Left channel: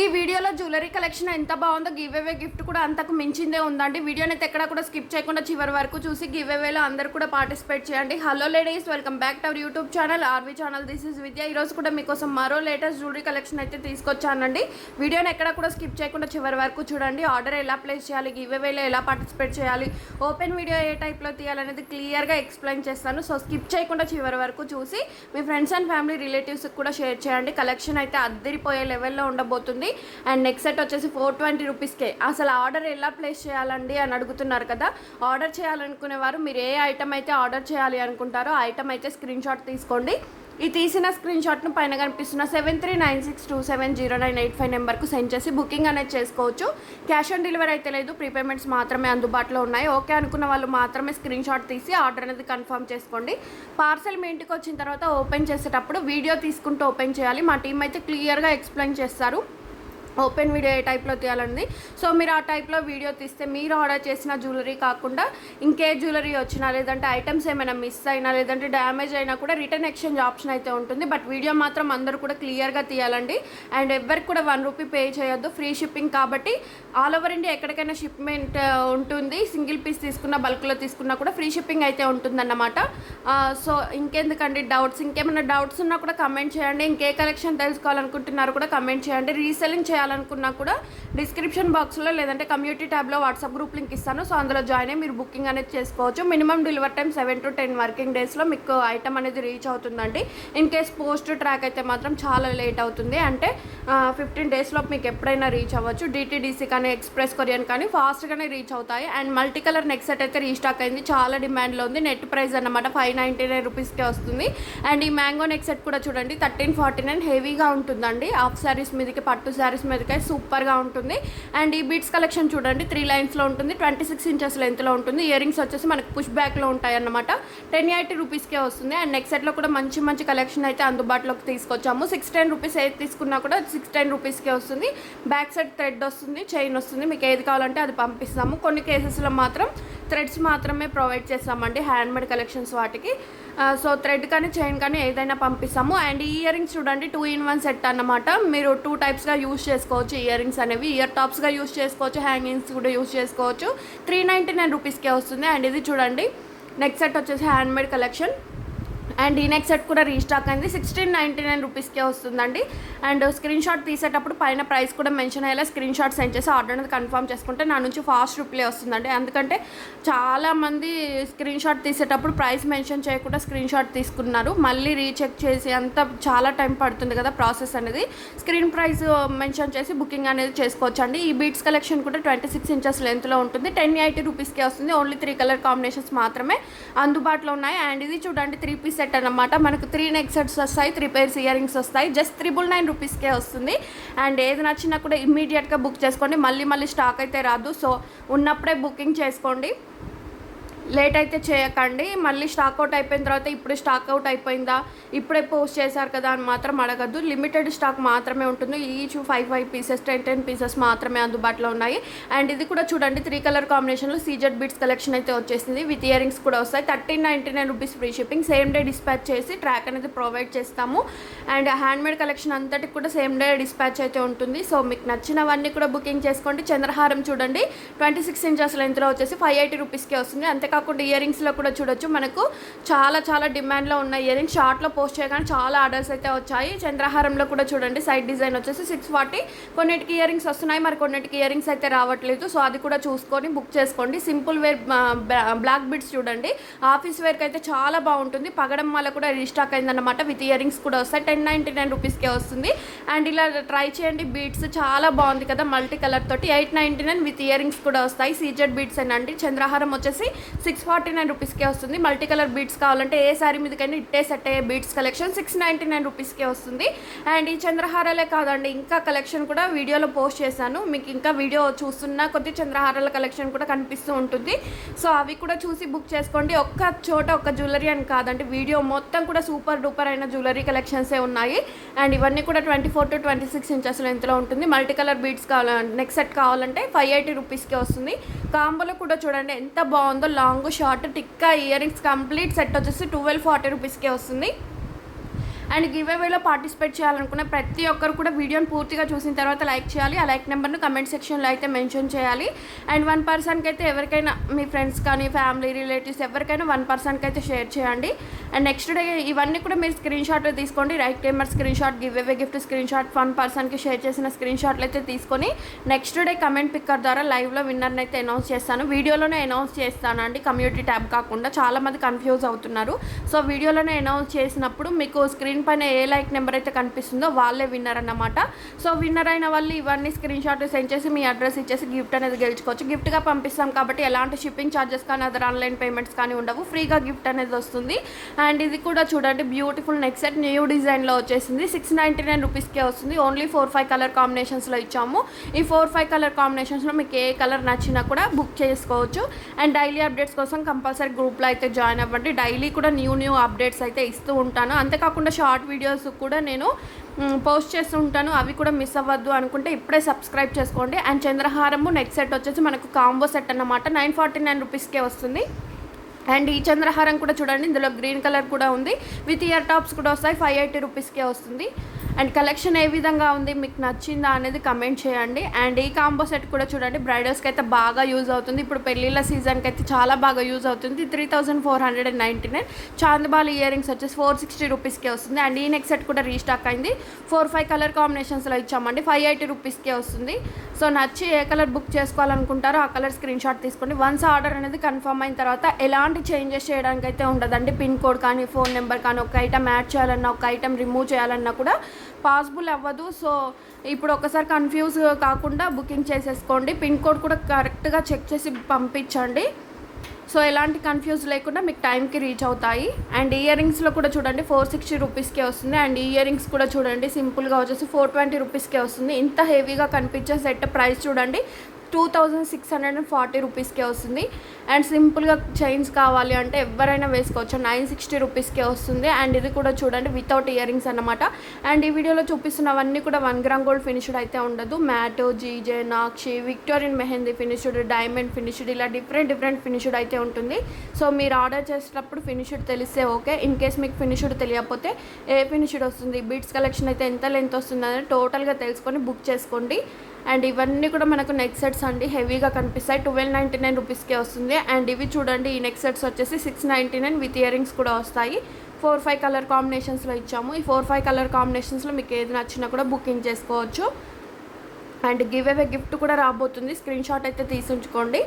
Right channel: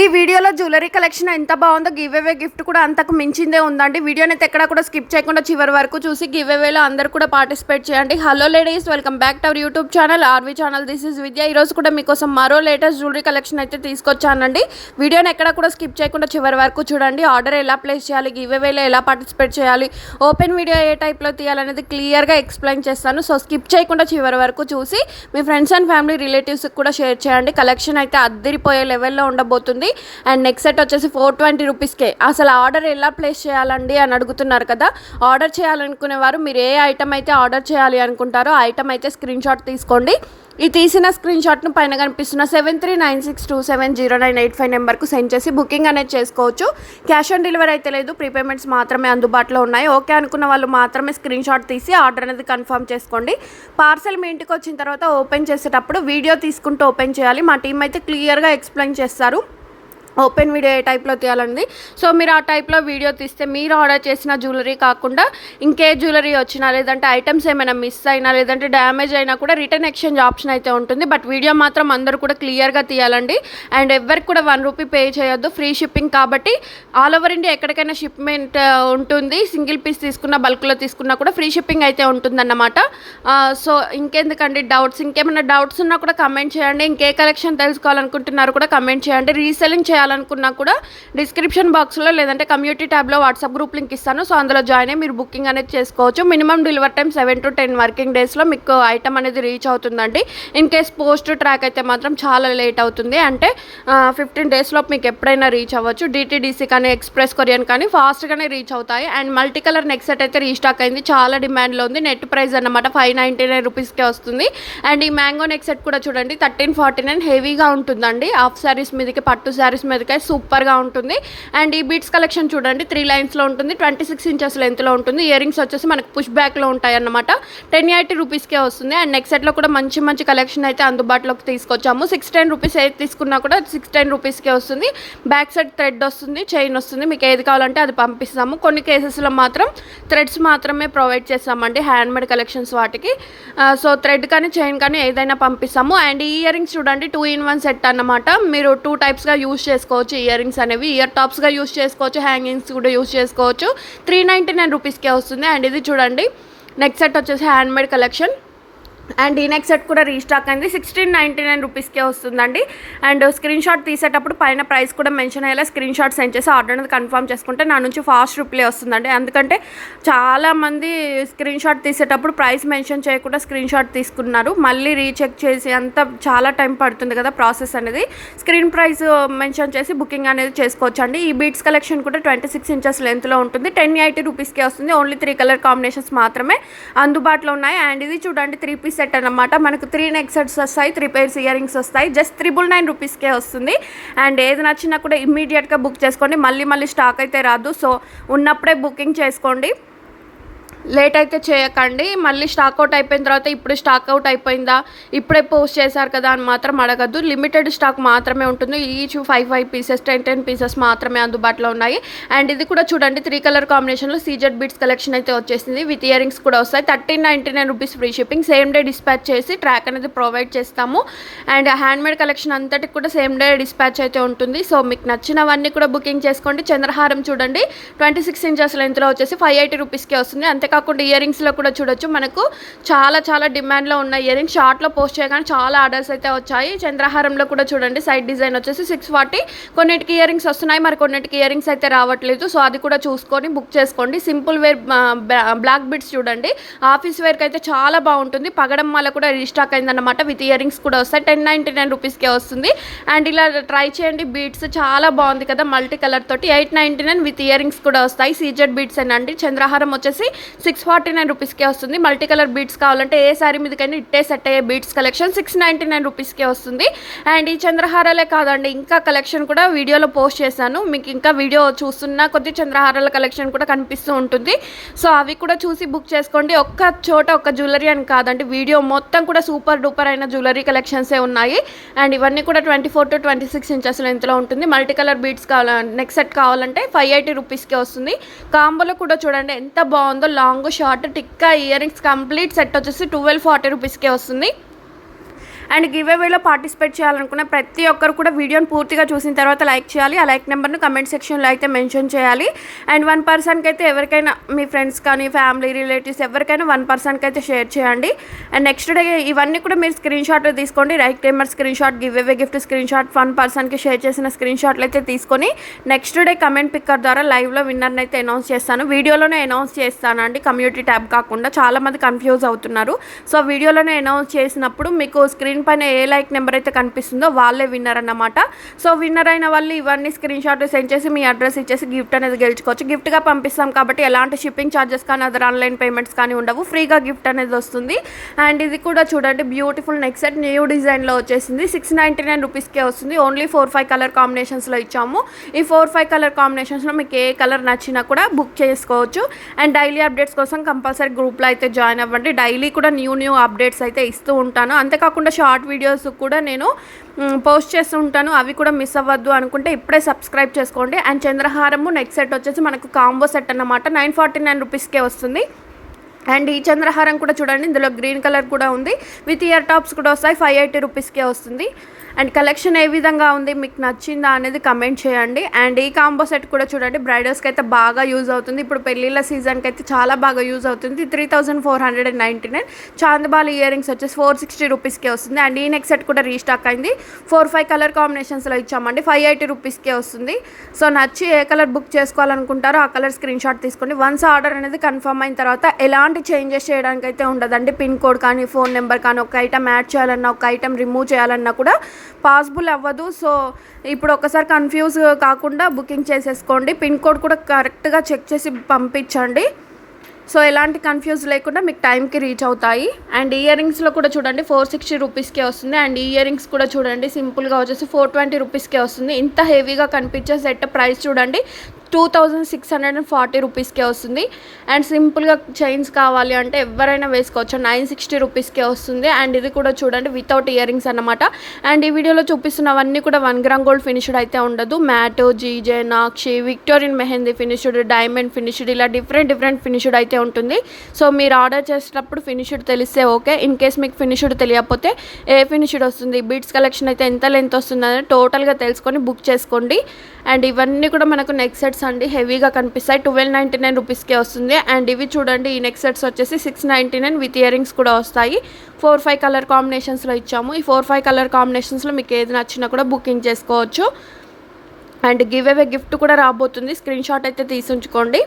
ఈ వీడియోలో jewellery collection ఎంత బాగుందో గివ్ అవే గిఫ్ట్ కూడా అంతకు మించిందే ఉందండి. వీడియోని అయితే ఎక్కడా కూడా స్కిప్ చేయకుండా చివరి వరకు చూసి గివ్ అవేలో అందరూ కూడా పార్టిసిపేట్ చేయండి. Hello ladies, welcome back to our YouTube channel RV channel. This is Vidya. ఈరోజు కూడా మీకోసం మరో లేటెస్ట్ జ్యువెలరీ కలెక్షన్ అయితే తీసుకొచ్చానండి. వీడియోని ఎక్కడా కూడా స్కిప్ చేయకుండా చివరి వరకు చూడండి. ఆర్డర్ ఎలా ప్లేస్ చేయాలి, గివ్ అవేలో ఎలా పార్టిసిపేట్ చేయాలి, ఓపెన్ వీడియో ఏ టైప్లో తీయాలనేది క్లియర్గా ఎక్స్ప్లెయిన్ చేస్తాను. సో స్కిప్ చేయకుండా చివరి వరకు చూసి మీ ఫ్రెండ్స్ అండ్ ఫ్యామిలీ రిలేటివ్స్కి కూడా షేర్ చేయండి. కలెక్షన్ అయితే అద్దరిపోయే లెవెల్లో ఉండబోతుంది. అండ్ నెక్స్ట్ సెట్ వచ్చేసి 420 రూపీస్కే. అసలు ఆర్డర్ ఎలా ప్లేస్ చేయాలండి అని అడుగుతున్నారు కదా. ఆర్డర్ చేయాలనుకునేవారు మీరు ఏ ఐటమ్ అయితే ఆర్డర్ చేయాలి అనుకుంటారో ఆ ఐటమ్ అయితే స్క్రీన్ షాట్ తీసుకోండి. ఈ తీసిన స్క్రీన్ షాట్ను పైన కనిపిస్తున్న 7396270985 నెంబర్కు సెండ్ చేసి బుకింగ్ అనేది చేసుకోవచ్చు. క్యాష్ ఆన్ డెలివరీ అయితే లేదు, ప్రీపేమెంట్స్ మాత్రమే అందుబాటులో ఉన్నాయి. ఓకే అనుకున్న వాళ్ళు మాత్రమే స్క్రీన్ షాట్ తీసి ఆర్డర్ అనేది కన్ఫర్మ్ చేసుకోండి. పార్సల్ మీ ఇంటికి వచ్చిన తర్వాత ఓపెన్ చేసేటప్పుడు వీడియో తీసుకుంటూ ఓపెన్ చేయాలి. మా టీం అయితే క్లియర్గా ఎక్స్ప్లెయిన్ చేస్తారు ఓపెన్ వీడియో ఏ టైప్లో తీయాలండి. సో మీరు ఆ టైప్లో వీడియో తీస్తే మీరు ఆర్డర్ చేసిన జ్యువెలరీ కాకుండా ఇంకే జ్యువెలరీ వచ్చినా, లేదంటే ఐటమ్స్ ఏమైనా మిస్ అయినా, లేదంటే డ్యామేజ్ అయినా కూడా రిటర్న్ ఎక్స్చేంజ్ ఆప్షన్ అయితే ఉంటుంది. బట్ వీడియో మాత్రం అందరూ కూడా క్లియర్గా తీయాలండి. అండ్ ఎవరికి కూడా 1 రూపీ పే చేయొద్దు. ఫ్రీ షిప్పింగ్ కాబట్టి ఆల్ ఓవర్ ఇండియా ఎక్కడికైనా షిప్మెంట్ ఉంటుంది. సింగిల్ పీస్ తీసుకున్న, బల్క్లో తీసుకున్నా కూడా ఫ్రీ షిప్పింగ్ అయితే ఉంటుందన్నమాట. సో ఇంకెందుకండి డౌట్స్, ఇంకేమైనా డౌట్స్ ఉన్నా కూడా కమెంట్ చేయండి. ఇంకే కలెక్షన్ తెలుసుకోవాలనుకుంటున్నారు కూడా కమెంట్ చేయండి. రీసెల్లింగ్ చేయాలనుకున్నా కూడా డిస్క్రిప్షన్ బాక్స్లో లేదంటే కమ్యూనిటీ ట్యాబ్లో వాట్సాప్ గ్రూప్ లింక్ ఇస్తాను. సో అందులో జాయిన్ అయ్యి మీరు బుకింగ్ అనేది చేసుకోవచ్చు. Minimum delivery time 7 to 10 working డేస్లో మీకు ఐటమ్ అనేది రీచ్ అవుతుందండి. ఇన్ కేస్ పోస్ట్ ట్రాక్ అయితే మాత్రం చాలా లేట్ అవుతుంది. అంటే 15 డేస్లో మీకు ఎప్పుడైనా రీచ్ అవ్వచ్చు. డిటీడీసీ కానీ ఎక్స్ప్రెస్ కొరియన్ కానీ ఫాస్ట్గానే రీచ్ అవుతాయి. And multi colour neck set అయితే రీస్టాక్ అయింది, చాలా డిమాండ్లో ఉంది. నెట్ ప్రైస్ అన్నమాట 599 రూపీస్కే వస్తుంది. అండ్ ఈ మ్యాంగో నెక్ సెట్ కూడా చూడండి 1349, హెవీగా ఉంటుందండి. హాఫ్ శారీస్ మీదకి, పట్టు శారీస్ మీదకి సూపర్గా ఉంటుంది. అండ్ ఈ బీట్స్ కలెక్షన్ చూడండి 3 లైన్స్లో ఉంటుంది, 26 ఇంచెస్ లెంత్లో ఉంటుంది. ఇయర్ రింగ్స్ వచ్చేసి మనకు పుష్ బ్యాక్లో ఉంటాయి అన్నమాట. 1080 రూపీస్కే వస్తుంది. అండ్ నెక్ సెట్లో కూడా మంచి మంచి కలెక్షన్ అయితే అందుబాటులోకి తీసుకొచ్చాము. 610 రూపీస్ ఏది తీసుకున్నా కూడా 610 రూపీస్కే వస్తుంది. బ్యాక్ సైడ్ థ్రెడ్ వస్తుంది, చైన్ వస్తుంది. మీకు ఏది కావాలంటే అది పంపిస్తాము. కొన్ని కేసెస్లో మాత్రం థ్రెడ్స్ మాత్రమే ప్రొవైడ్ చేస్తామండి, హ్యాండ్మేడ్ కలెక్షన్స్ వాటికి. సో థ్రెడ్ కానీ చైన్ కానీ ఏదైనా పంపిస్తాము. అండ్ ఈ ఇయర్ రింగ్స్ చూడండి 2-in-1 సెట్ అన్నమాట. మీరు 2 టైప్స్గా యూజ్ చేసుకోవచ్చు. ఇయర్ రింగ్స్ అనేవి ఇయర్ టాప్స్గా యూజ్ చేసుకోవచ్చు, హ్యాంగింగ్స్ కూడా యూజ్ చేసుకోవచ్చు. 399 రూపీస్కే వస్తుంది. అండ్ ఇది చూడండి నెక్ సెట్ వచ్చేసి హ్యాండ్మేడ్ కలెక్షన్. అండ్ ఈ నెక్ సెట్ కూడా రీస్టాక్ అయింది, 1699 రూపీస్కే వస్తుందండి. అండ్ స్క్రీన్ షాట్ తీసేటప్పుడు పైన ప్రైస్ కూడా మెన్షన్ అయ్యేలా స్క్రీన్ షాట్ సెండ్ చేసి ఆర్డర్ అనేది కన్ఫర్మ్ చేసుకుంటే నా నుంచి ఫాస్ట్ రిప్లై వస్తుందండి. ఎందుకంటే చాలామంది స్క్రీన్ షాట్ తీసేటప్పుడు ప్రైస్ మెన్షన్ చేయకుండా స్క్రీన్ షాట్ తీసుకున్నారు. మళ్ళీ రీచెక్ చేసి అంత చాలా టైం పడుతుంది కదా ప్రాసెస్ అనేది. స్క్రీన్ ప్రైస్ మెన్షన్ చేసి బుకింగ్ అనేది చేసుకోవచ్చు అండి. ఈ బీట్స్ కలెక్షన్ కూడా 26 ఇంచెస్ లెంత్లో ఉంటుంది, 1080 రూపీస్కే వస్తుంది. ఓన్లీ 3 కలర్ కాంబినేషన్స్ మాత్రమే అందుబాటులో ఉన్నాయి. అండ్ ఇది చూడండి 3 పీస్ సెట్ అన్నమాట. మనకు 3 నెక్ సెట్స్ వస్తాయి, 3 pairs ఇయర్ రింగ్స్ వస్తాయి. జస్ట్ 999 రూపీస్కే వస్తుంది. అండ్ ఏది నచ్చినా కూడా ఇమ్మీడియట్గా బుక్ చేసుకోండి, మళ్ళీ స్టాక్ అయితే రాదు. సో ఉన్నప్పుడే బుకింగ్ చేసుకోండి, లేట్ అయితే చేయకండి. మళ్ళీ స్టాక్అవుట్ అయిపోయిన తర్వాత ఇప్పుడు స్టాక్అవుట్ అయిపోయిందా, ఇప్పుడే పోస్ట్ చేశారు కదా అని మాత్రం అడగద్దు. లిమిటెడ్ స్టాక్ మాత్రమే ఉంటుంది. ఈచ్ 5 పీసెస్ 10 పీసెస్ మాత్రమే అందుబాటులో ఉన్నాయి. అండ్ ఇది కూడా చూడండి 3 కలర్ కాంబినేషన్లో సీజెడ్ బీట్స్ కలెక్షన్ అయితే వచ్చేసింది. విత్ ఇయర్ రింగ్స్ కూడా వస్తాయి. 1399 rupees free shipping. Same day dispatch చేసి ట్రాక్ అనేది ప్రొవైడ్ చేస్తాము. అండ్ హ్యాండ్మేడ్ కలెక్షన్ అంతటికి కూడా సేమ్ డే డిస్పాచ్ అయితే ఉంటుంది. సో మీకు నచ్చినవన్నీ కూడా బుకింగ్ చేసుకోండి. చంద్రహారం చూడండి 26 ఇంచెస్ లెంత్లో వచ్చేసి 580 రూపీస్కే వస్తుంది. అంతేకాకుండా ఇయర్ రింగ్స్లో కూడా చూడొచ్చు, మనకు చాలా డిమాండ్లో ఉన్న ఇయర్ రింగ్స్ షార్ట్లో పోస్ట్ చేయగానే చాలా ఆర్డర్స్ అయితే వచ్చాయి. చంద్రహారంలో కూడా చూడండి సైడ్ డిజైన్ వచ్చేసి 640. కొన్నిటికి ఇయర్ రింగ్స్ వస్తున్నాయి, మరి కొన్నిటికి ఇయర్ రింగ్స్ అయితే రావట్లేదు. సో అది కూడా చూసుకొని బుక్ చేసుకోండి. సింపుల్ వేర్ బ్లాక్ బిట్స్ చూడండి, ఆఫీస్ వేర్కి అయితే చాలా బాగుంటుంది. పగడం మాల కూడా రీస్టాక్ అయిందన్నమాట. విత్ ఇయర్ రింగ్స్ కూడా వస్తాయి, 1099 రూపీస్కే వస్తుంది. అండ్ ఇలా ట్రై చేయండి. బీట్స్ చాలా బాగుంది కదా మల్టీ కలర్ తోటి, 899 విత్ ఇయర్ రింగ్స్ కూడా వస్తాయి. సీజెడ్ బీట్స్ అండి. చంద్రహారం వచ్చేసి 649 రూపీస్కే వస్తుంది. మల్టీ కలర్ బీట్స్ కావాలంటే ఏ శారీ మీదకైనా ఇట్టే సెట్ అయ్యే బీట్స్ కలెక్షన్ 699 రూపీస్కే వస్తుంది. అండ్ ఈ చంద్రహారాలే కాదండి, ఇంకా కలెక్షన్ కూడా వీడియోలో పోస్ట్ చేశాను. మీకు ఇంకా వీడియో చూస్తున్నా కొద్ది చంద్రహారాల కలెక్షన్ కూడా కనిపిస్తూ ఉంటుంది. సో అవి కూడా చూసి బుక్ చేసుకోండి. ఒక్క చోట ఒక్క జ్యువెలరీ అని కాదండి, వీడియో మొత్తం కూడా సూపర్ డూపర్ అయిన జ్యువెలరీ కలెక్షన్సే ఉన్నాయి. అండ్ ఇవన్నీ కూడా 24 to 26 ఇంచెస్ లెంత్లో ఉంటుంది. Multi colour beads neck set కావాలంటే 580 రూపీస్కే వస్తుంది. కాంబోలో కూడా చూడండి ఎంత బాగుందో, long short tikka ear rings complete set వచ్చేసి 1240 రూపీస్కే వస్తుంది. అండ్ గివ్ అవేలో పార్టిసిపేట్ చేయాలనుకున్న ప్రతి ఒక్కరు కూడా వీడియోని పూర్తిగా చూసిన తర్వాత లైక్ చేయాలి. ఆ లైక్ నెంబర్ను కమెంట్ సెక్షన్లో అయితే మెన్షన్ చేయాలి. అండ్ 1 పర్సన్కి అయితే ఎవరికైనా మీ ఫ్రెండ్స్ కానీ ఫ్యామిలీ రిలేటివ్స్ ఎవరికైనా 1 పర్సన్కి అయితే షేర్ చేయండి. అండ్ నెక్స్ట్ డే ఇవన్నీ కూడా మీరు స్క్రీన్ షాట్ తీసుకోండి. Right number screen shot, give away gift screen shot, 1 పర్సన్కి షేర్ చేసిన స్క్రీన్ షాట్లు అయితే తీసుకొని నెక్స్ట్ డే కమెంట్ పిక్కర్ ద్వారా లైవ్లో విన్నర్ని అయితే అనౌన్స్ చేస్తాను. వీడియోలోనే అనౌన్స్ చేస్తాను అండి, కమ్యూనిటీ ట్యాబ్ కాకుండా. చాలామంది కన్ఫ్యూజ్ అవుతున్నారు. సో వీడియోలోనే అనౌన్స్ చేసినప్పుడు మీకు స్క్రీన్ పైన ఏ లైక్ నెంబర్ అయితే కనిపిస్తుందో వాళ్ళే విన్నర్ అన్నమాట. సో విన్నర్ అయిన వాళ్ళు ఇవన్నీ స్క్రీన్ షాట్ సెండ్ చేసి మీ అడ్రస్ ఇచ్చేసి గిఫ్ట్ అనేది గెలుచుకోవచ్చు. గిఫ్ట్గా పంపిస్తాం కాబట్టి ఎలాంటి షిప్పింగ్ ఛార్జెస్ కానీ అదర్ ఆన్లైన్ పేమెంట్స్ కానీ ఉండవు. ఫ్రీగా గిఫ్ట్ అనేది వస్తుంది. అండ్ ఇది కూడా చూడండి, బ్యూటిఫుల్ నెక్ సెట్ న్యూ డిజైన్లో వచ్చేసింది. 699 రూపీస్కే వస్తుంది. ఓన్లీ 4-5 కలర్ కాంబినేషన్స్లో ఇచ్చాము. ఈ 4-5 కలర్ కాంబినేషన్స్లో మీకు ఏ కలర్ నచ్చినా కూడా బుక్ చేసుకోవచ్చు. అండ్ డైలీ అప్డేట్స్ కోసం కంపల్సరీ గ్రూప్లో అయితే జాయిన్ అవ్వండి. డైలీ కూడా న్యూ అప్డేట్స్ అయితే ఇస్తూ ఉంటాను. అంతేకాకుండా షార్ట్ వీడియోస్ కూడా నేను పోస్ట్ చేస్తూ ఉంటాను. అవి కూడా మిస్ అవ్వద్దు అనుకుంటే ఇప్పుడే సబ్స్క్రైబ్ చేసుకోండి. అండ్ చంద్రహారము నెక్ సెట్ వచ్చేసి మనకు కాంబో సెట్ అన్నమాట. 949 రూపీస్కే వస్తుంది. అండ్ ఈ చంద్రహారం కూడా చూడండి, ఇందులో గ్రీన్ కలర్ కూడా ఉంది. విత్ ఇయర్ టాప్స్ కూడా వస్తాయి. 580 రూపీస్కే వస్తుంది. అండ్ కలెక్షన్ ఏ విధంగా ఉంది, మీకు నచ్చిందా అనేది కమెంట్ చేయండి. అండ్ ఈ కాంబో సెట్ కూడా చూడండి, బ్రైడల్స్కి అయితే బాగా యూజ్ అవుతుంది. ఇప్పుడు పెళ్ళిళ్ళ సీజన్కి అయితే చాలా బాగా యూజ్ అవుతుంది. 3499. చాందబాలి ఇయర్ రింగ్స్ వచ్చేసి 460 రూపీస్కే వస్తుంది. అండ్ ఈ నెక్ సెట్ కూడా రీస్టాక్ అయింది. 4-5 కలర్ కాంబినేషన్స్లో ఇచ్చామండి. 580 రూపీస్కే వస్తుంది. సో నచ్చి ఏ కలర్ బుక్ చేసుకోవాలనుకుంటారో ఆ కలర్ స్క్రీన్ షాట్ తీసుకోండి. వన్స్ ఆర్డర్ అనేది కన్ఫర్మ్ అయిన తర్వాత ఎలాంటి చేంజెస్ చేయడానికి అయితే ఉండదండి. పిన్ కోడ్ కానీ ఫోన్ నెంబర్ కానీ ఒక ఐటమ్ యాడ్ చేయాలన్నా ఒక ఐటమ్ రిమూవ్ చేయాలన్నా కూడా పాసిబుల్ అవ్వదు. సో ఇప్పుడు ఒకసారి కన్ఫ్యూజ్ కాకుండా బుకింగ్ చేసేసుకోండి. పిన్ కోడ్ కూడా కరెక్ట్గా చెక్ చేసి పంపించండి. సో ఎలాంటి కన్ఫ్యూజ్ లేకుండా మీకు టైంకి రీచ్ అవుతాయి. అండ్ ఇయర్ రింగ్స్లో కూడా చూడండి 460 రూపీస్కే వస్తుంది. అండ్ ఇయర్ రింగ్స్ కూడా చూడండి సింపుల్గా వచ్చేసి 420 రూపీస్కే వస్తుంది. ఇంత హెవీగా కనిపించే సెట్ ప్రైస్ చూడండి 2640 రూపీస్కే వస్తుంది. అండ్ సింపుల్గా చైన్స్ కావాలి అంటే ఎవరైనా వేసుకోవచ్చు. 960 రూపీస్కే వస్తుంది. అండ్ ఇది కూడా చూడండి వితౌట్ ఇయర్ రింగ్స్ అన్నమాట. అండ్ ఈ వీడియోలో చూపిస్తున్నవన్నీ కూడా 1 గ్రామ్ గోల్డ్ ఫినిష్డ్ అయితే ఉండదు. Matte, GJ, nakshi, Victorian mehndi finished, diamond finished, ఇలా డిఫరెంట్ ఫినిష్డ్ అయితే ఉంటుంది. సో మీరు ఆర్డర్ చేసేటప్పుడు ఫినిష్డ్ తెలిస్తే ఓకే. ఇన్ కేస్ మీకు ఫినిష్డ్ తెలియకపోతే ఏ ఫినిష్డ్ వస్తుంది, బీట్స్ కలెక్షన్ అయితే ఎంత లెంత్ వస్తుంది అనేది టోటల్గా తెలుసుకొని బుక్ చేసుకోండి. అండ్ ఇవన్నీ కూడా మనకు నెక్ సెట్స్ అండి, హెవీగా కనిపిస్తాయి. 1299 రూపీస్కే వస్తుంది. అండ్ ఇవి చూడండి, ఈ నెక్ సెట్స్ వచ్చేసి 699 విత్ ఇయర్ రింగ్స్ కూడా వస్తాయి. 4-5 కలర్ కాంబినేషన్స్లో ఇచ్చాము. ఈ 4-5 కలర్ కాంబినేషన్స్లో మీకు ఏది నచ్చినా కూడా బుకింగ్ చేసుకోవచ్చు. అండ్ గివ్ అవే గిఫ్ట్ కూడా రాబోతుంది. స్క్రీన్ షాట్ అయితే తీసి ఉంచుకోండి.